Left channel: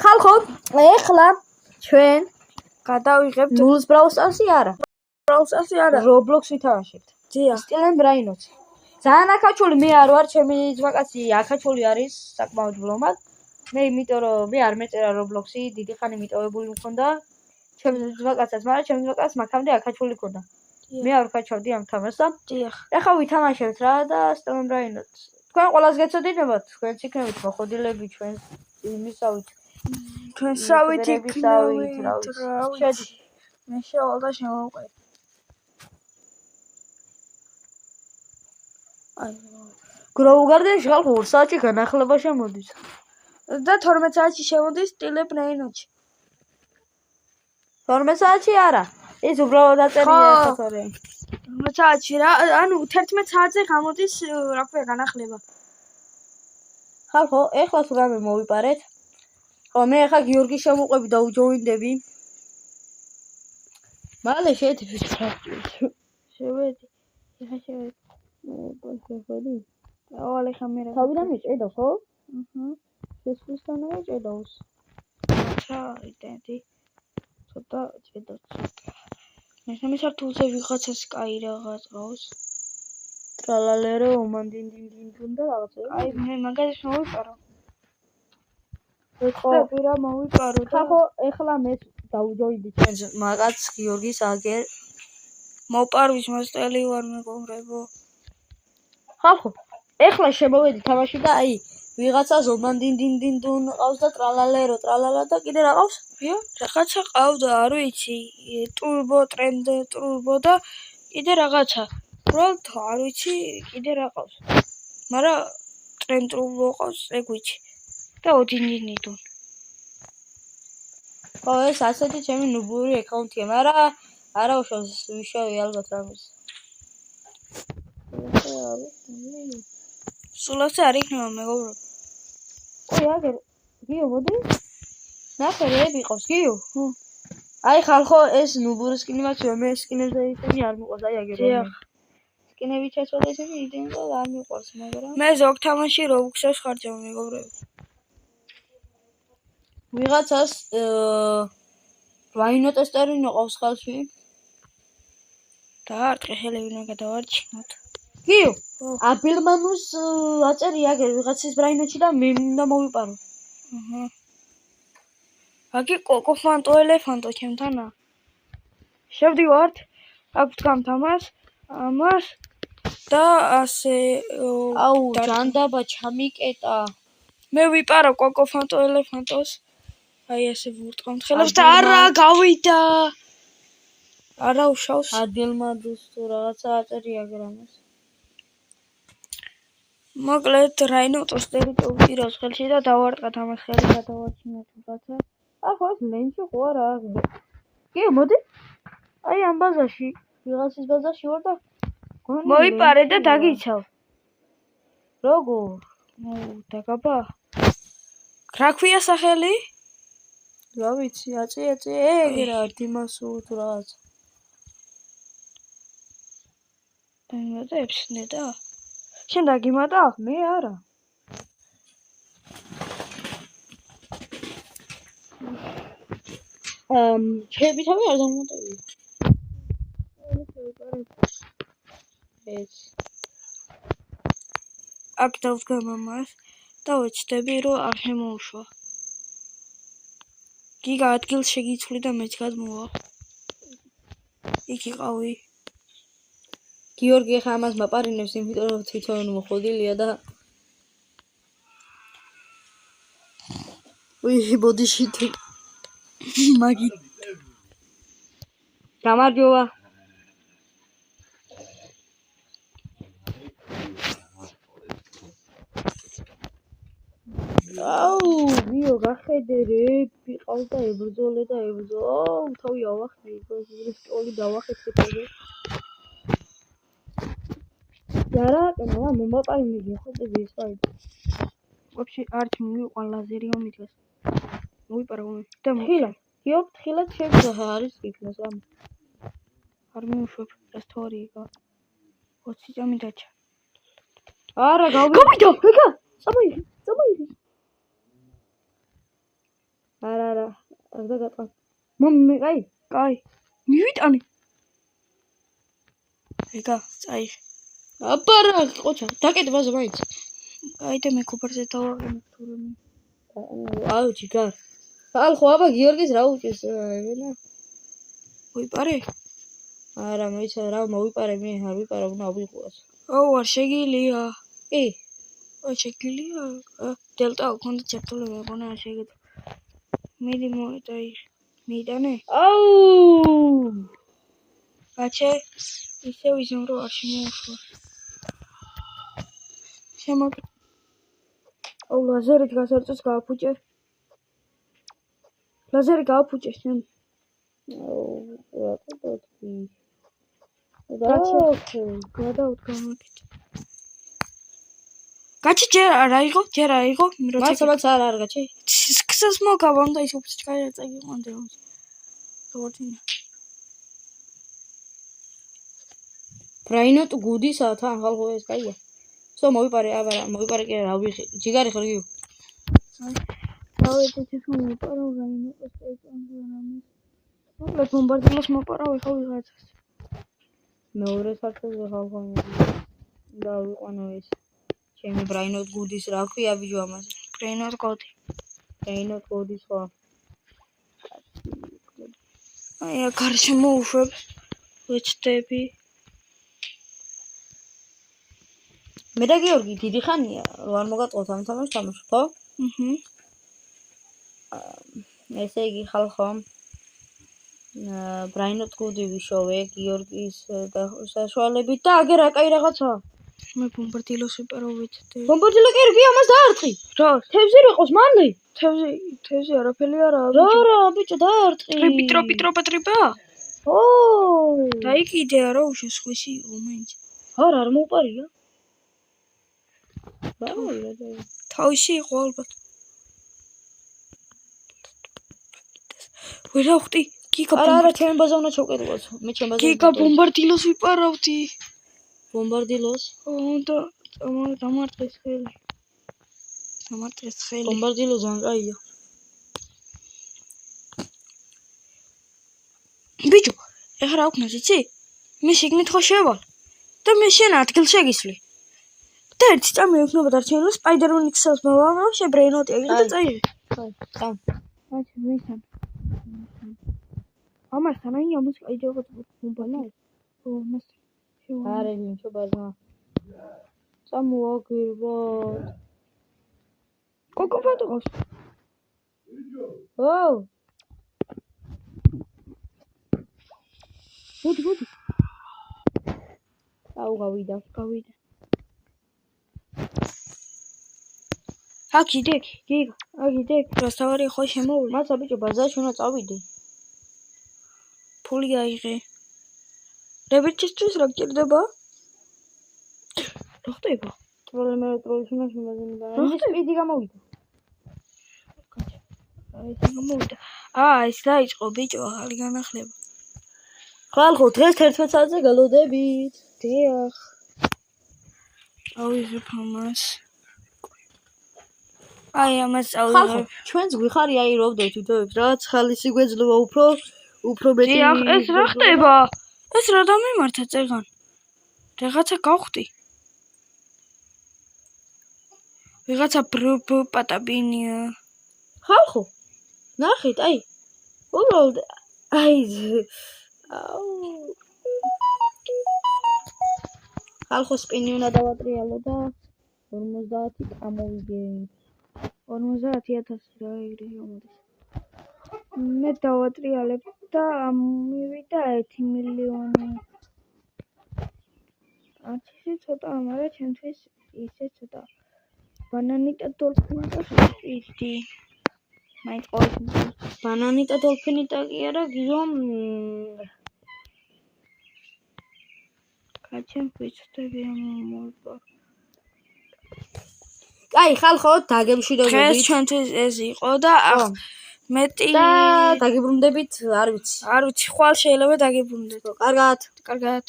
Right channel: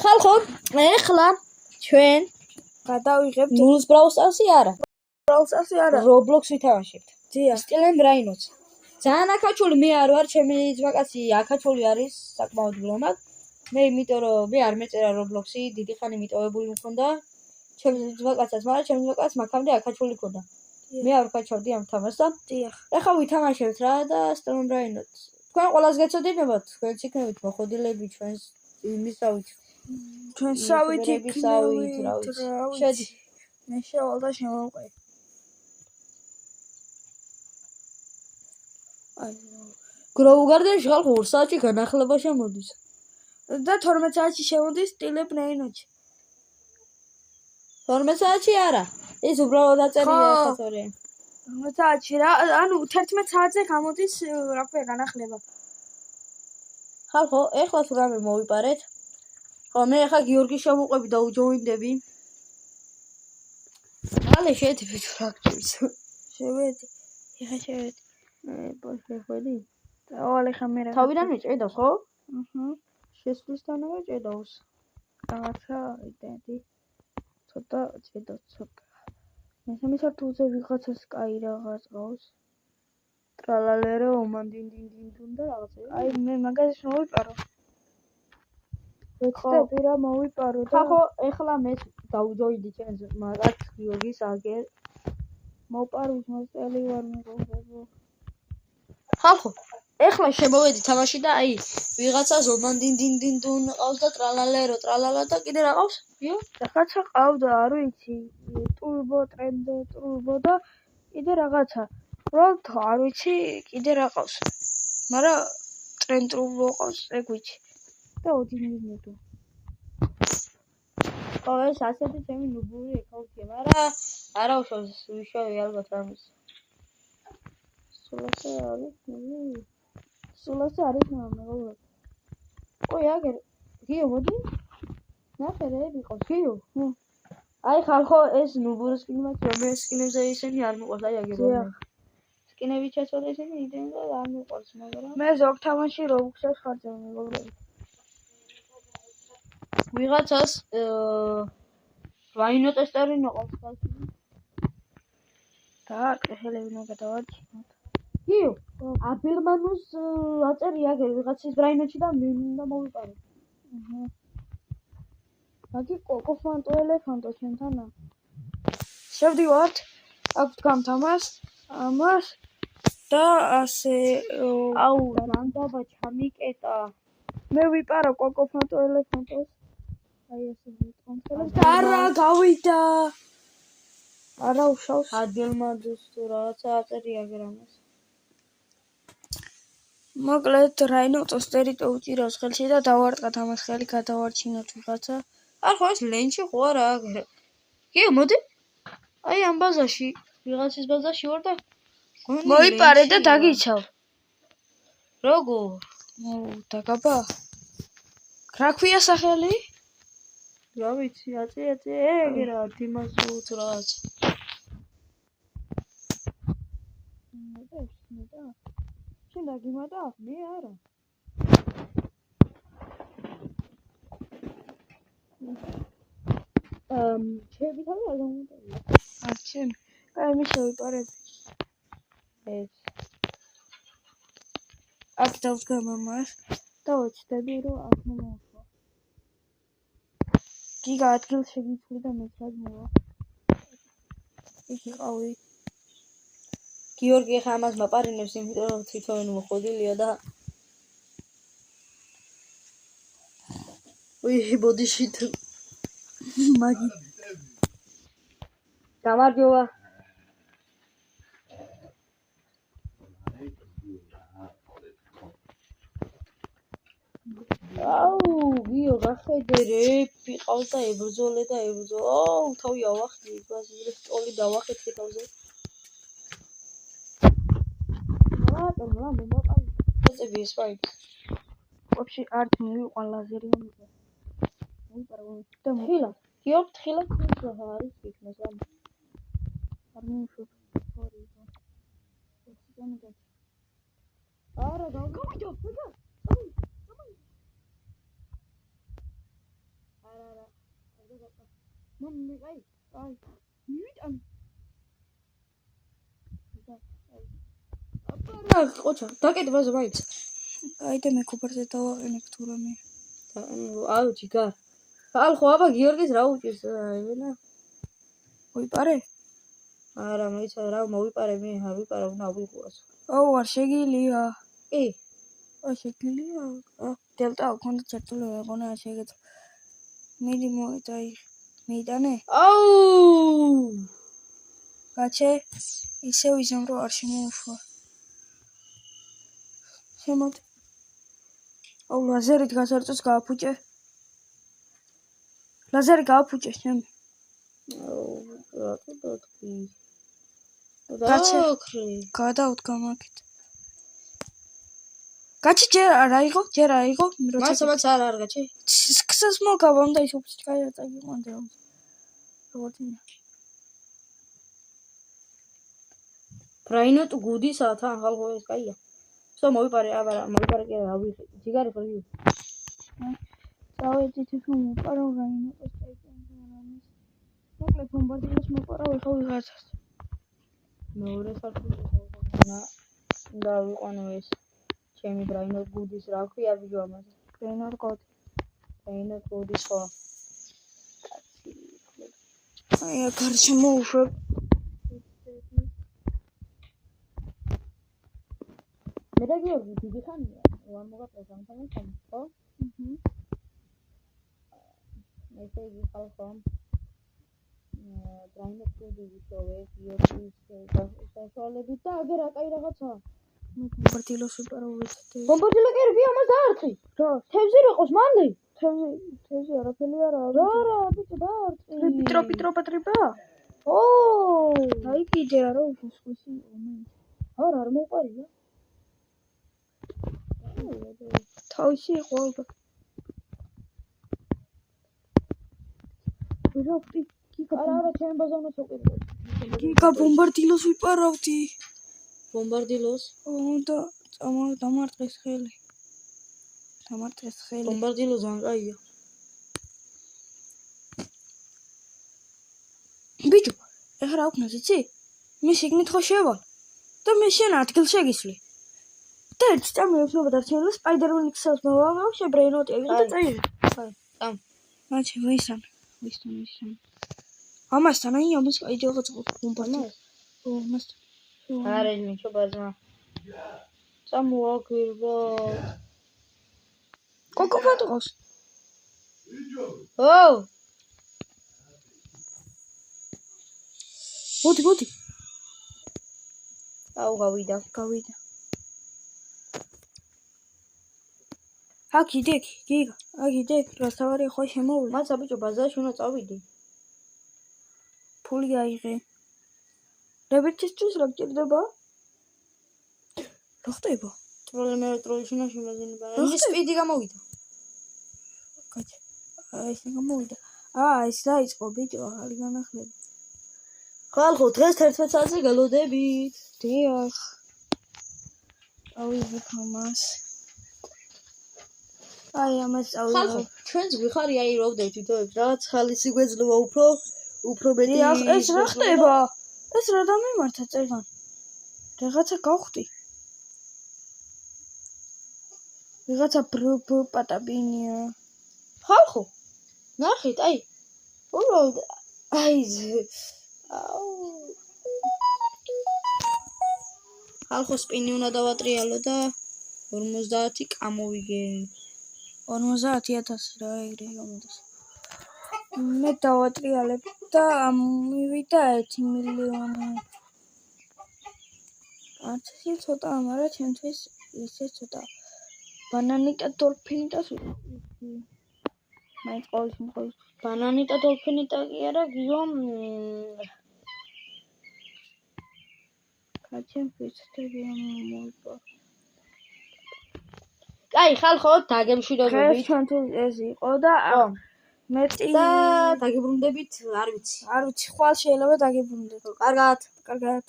ხალხო, ეხლა ჩვენ გადავიღებთ ნულს ბრაუსტარსი არა. ბრაუსტარსი არა. Roblox ვითამაშებთ. დიახ. სტილენ ბრაინოც. ძალიან აქაჩული მე არ ვარ, ჩემი ძმაკაცი აქაჩული არის საკმაოდ ბლომად. მე იმიტომ რომ მე არ მეწერა Roblox-ი, დიდი ხანი მიტოვებული მქონდა. ჩემს ძმაკაცსაც, მაგრამ ჩემს ძმაკაცს მაქამდე აქაჩული ქონდა. მე არ ვქაჩავდი ამ თამაშს და დიახ. ეხლა ვითამაშებთ რა და სტილენ ბრაინოც. თქვენ ყველას გეცოდინებათ, თქვენც იქნებით მოხოდილები ჩვენს იმისავით. ჩვენსავით იქნებით, რა ვიცი. მე შევალ და შემოვყვე. Grow Garden-ში ხალხო 2 საათი განახლება შემოდის. და 12 საათში შემოდის სტილენ ბრაინოჩი. 12 საათში არა. ის უბრალოდ აწერია ახლა თორე. 12 საათში რა, ანუ 11 საათზე გამოდის, რა ქვია, განახლება. ხალხო, ეხლა თუ რამე მოვიპარეთ. ხო, მე ახლა გიორგი შემოყვები და უჯოინდები. მალე შევედი ფიქრობთ. შევედი. ეხლა შევედი. შეხვედი? დავალ ეხლა მე რა. თავიდან მიჭედო, ხო? აჰა. შესვლისთანავე ჭედავს. აჩა, იდენტი. ცოტა ჭედავს ცოტა. მესამე სართულზე ვიღაცას კაი რაღაც ყავს. ტრალალერო, უმანდინდინდინდუნ და რაღაცა. აი, მე მაგას მოვიპარო. ხო, პირა მოვიპარო და ხო, ეხლა მე დაუჯოინდი ჩვენს მაგაც გიორგის აგერ. მოპარვის მასწავლი ვარ მეგობრებო. ხალხო, ეხლა შემოვედი თამაში და აი, ვიღაცას ომანდინდინდინდუნ ყავს და ტრალალერო, ტრალალა და კიდე რა ყავს? რაღაცა ყავდა, არ ვიცი, ტურბო ტრენდ, ტურბო და კიდე რაღაცა. უბრალოდ არ ვიცი, კიდე რა ყავს. მაგრამ ტრენდ ტურბო ყავს, ეგ ვიცი. და ოდინდინიდუნ. ხო, ეს ასეთი ჩემი ნუბური აკაუნტია, მაგრამ არა უშავს ვიშავი ალბათ რამეს. სულასე არ იქნება მეგობრებო. ой, აგერ, გიო მოდი. ნახე რეები ყავს, გიო. აი ხალხო, ეს ნუბური სკინებიც მე სკინებზე ისინი არ მიყვარს, აი აგერ. დიახ. სკინები ჩაჭვედა ისინი იდენ და არ მიყვარს, მაგრამ მე ზოგ თამაში Roblox-ს ხარჯავ მეგობრებო. ვიღაცას რაინო ტესტერი ნოყავს ხალხში. დაარტყე ხელები უნდა გადავარჩინოთ. გიო, აბილმანუს აწერია აგერ ვიღაცის ბრაინოჩი და მე უნდა მოვიპარო. აჰა. აგი კოკო ფანტო ელეფანტო ჩემთანა. შევდივართ, აქ ვდგამ თამას, ამას და ასე აუ, ჯანდაბა ჩამიკეტა. მე ვიპარო კოკო ფანტო ელეფანტოს. აი ასე ვურტყამთ ხელებს და არა გავიდა. არა უშავს. ადილმადუს თუ რაღაცა აწერია აგერ ამას. მოკლედ რაინო ტოსტერი ტოვჭირავს ხელში და დავარტყათ ამას ხელი გადავარჩინოთ ვიღაცა. არ ხო ეს ლენჩი ხო არა აგერ. გიო, მოდი. აი ამ ბაზაში, ვიღაცის ბაზაში ვარ და მოიპარე და დაგიცავ. როგორ? დაგაბა. რა ქვია სახელი? რა ვიცი, ეგერა დიმასო თუ რაღაც. იმედებს და შენ დაგიმატა? მე არა. ჩემი თავი არ დამოტოვია. შენ, აი მე შევიპარებ. ეს. აქ დავდგამ ამას და ვეცდები რომ არ შემოუშვა. გიგა ადგილს შეგიცვლი და მეც გადმოვა. იქ იყავი. გიორგი ხა ამას მაპარინებს, იმიტომ რომ თვითონ მოხოდილია და უი, ბოდიში თუ მაგი. გამარჯობა. აუ, გიო, გახედე რეპი ყავს და ებრძოლე და ებრძოლე. აუ, თავი ავახდი, გასული სტოლი დავახეთე თავზე. Yaraqen lan ben babayım diye kızı bir spay. Вообще арч муйყვან ლაზერი ომითეს. მოვიპარა ომი და ხილა. Yok, ხილა შეიძლება არის იქნას ამ. არ მივუშვებ ეს თორიга. 20 წამი დაჭა. არა, გავიდა. ეკა. წამოიღე. და გატყავ. მე კაი. კაი. მივიტანე. ეგა, წაი. აბარა, ყოჩა, დაკეთებაზე მაინც. კაი და მე კუპერზე დავაყენებ თუ რამე. აუ, ჯიგარ. ხალხო, აბა გიორგის რა უჭირს, ევენა. ვიპარე? არა, მოიცა რა მოვიპარე მე, არ ვიპარა, უნდა ავიღოთ. აუ, არ შეგილია. კი. აი, შეგილია. დელტა გქონდა ჩართული, მეგონა არ შეგეძლო. მიდი მოიტაი. მიიტანე? აუ! გაჩე? ისევ ისემ რომ არ შემოუშვა. შემოთ. აუ, ლაზერით გასარწოს გააფუჭე. ლაზერი გააფუჭე შენ. აუ, რატო დათქვი? გაჩე. გადაუდგა მაგით. გაჩი ჯერ არ აიღო, მაცა არ გაჩი. სქსას მოგავა და ის უფს ჩკაია წაგიყვანდა. როგორია? ბრაინოტ გუდისა თან ხალხო ეს კაია. სო მოვიპარე, აბარა, მოვიპარე კი რა ვიხი. ჯიგარი ხარგი. დავედით ის მოპარავ რაინოტს წაიწამს. მოკლედ ბომბარდილოს მოპარავ ეხა ვიღაცას. მეორე საფრთხე ხალხო. და ვიყვანო ეს. ჩემი ბრაინოტ გუდის რა ქვია ბიჭო ამაზე? ბრაინოტ კოდი. ბრაინოტ გუდის ხო? აი, აქ შემოუშვებ. ვეჩდები. მე და გიორგი დიდი ხანია, რომ არ მოგატყოთ ამ თამაშს, ხო? ესე იგი ხალხო. ბრაინოტ გუდი ვიშოვე გიორგის საშუალებით და აგერ აკაი რაღაცა. მე ბომბარდილოს ვიპარავ ვეჩდები. ბომბარდილო კი რგია მას დაარტყი. რა? თევზი რიყოს მანლი. თევზი არაფერი არაა. რა, ბიჭო დაარტყი. ტრიპა? ო! დაიკიდე რა უშეს ხვისი იყო მაინც. არ მოუპარია. თავისი იყო ალბათ. ვერა ხვდი? არა, ჩემი ბაზა უნდა ჩავკეტყოს. მე ჩემ ბაზა. გიგა ბომბარდილოს ვიპარავდი. ბომბარდილოს? და დამარტყეს ხელი. ბომბარდილო ძალიან კაია. ბიჭო, ეხლა რა ვქნას იცი? მე შეგნით ხო შევალ და მე შენ ადგილ შეგისვლი. და ერთი წამი ექნება დარჩენილი სპაიდერმენის ხსელს მოვამო, შებრეინოტი აგიღე და წაიღე. წამ. აჩი ვისან. ამასთან აი ამას კიდე რაღაც ბომბანა. ამასთან. არა, მიჩო ბაზა. წამოაგირვა. კოკო ფოტოს. ო! მოდი. აუ გავიდა. აკიდეკ, გიგა, აკიდეკ, რასთავარი ხო შემოვლი. მაცა ბიჭო ბაზარში უნდა წავიდე. ფული აიღე. რებერტისთვის რა გჭირდება? რა ხდება? ტროლის უნდა შემაზინება. ის სპიდი გამოვიდა. ეს გამოვიდა. ეს დაიწყო ბიჭო, ახალი განახლება. ხალხო, დღეს 11 საათზე გალოდებით. დიახ. ავიღებ ამას. აი ამას ავიღებ. ჩვენს გვიხარი აირობდეთ თვითონებს, რაღაც ხალისი გვეძლება უფრო მეტი. დიახ, ეს რა ხდება? ეს რა დამემართა წეგან? რაღაცა გავხდი. ვიღაცა პატაბინია. ხალხო, ნახეთ, აი. უბრალოდ აი ხალხო სპინი უნდა დავატრიალო და 50 კამოვიგე. 50,000 რა ეგრე გამოდის. მე დავატრიალებ და მივიდა 1 მილიონი. არც ისე ცოტა, მაგრამ ჩემთვის ისე ცოტა. ბანანი და დოლფინი და სუპიდი. მაინც ყოველთვის ბანანი და დოლფინი და კი არა გიომ. კაცემ ვიცდები ამ მოიპარო. აი ხალხო, დაგემშვიდობებით. დღეს ჩვენთვის ეს იყო და მეტი და დაგიბრუნდებით, არ ვიცი. ხვალ შეიძლება დაგიბრუნდეთ. კარგად. კარგად.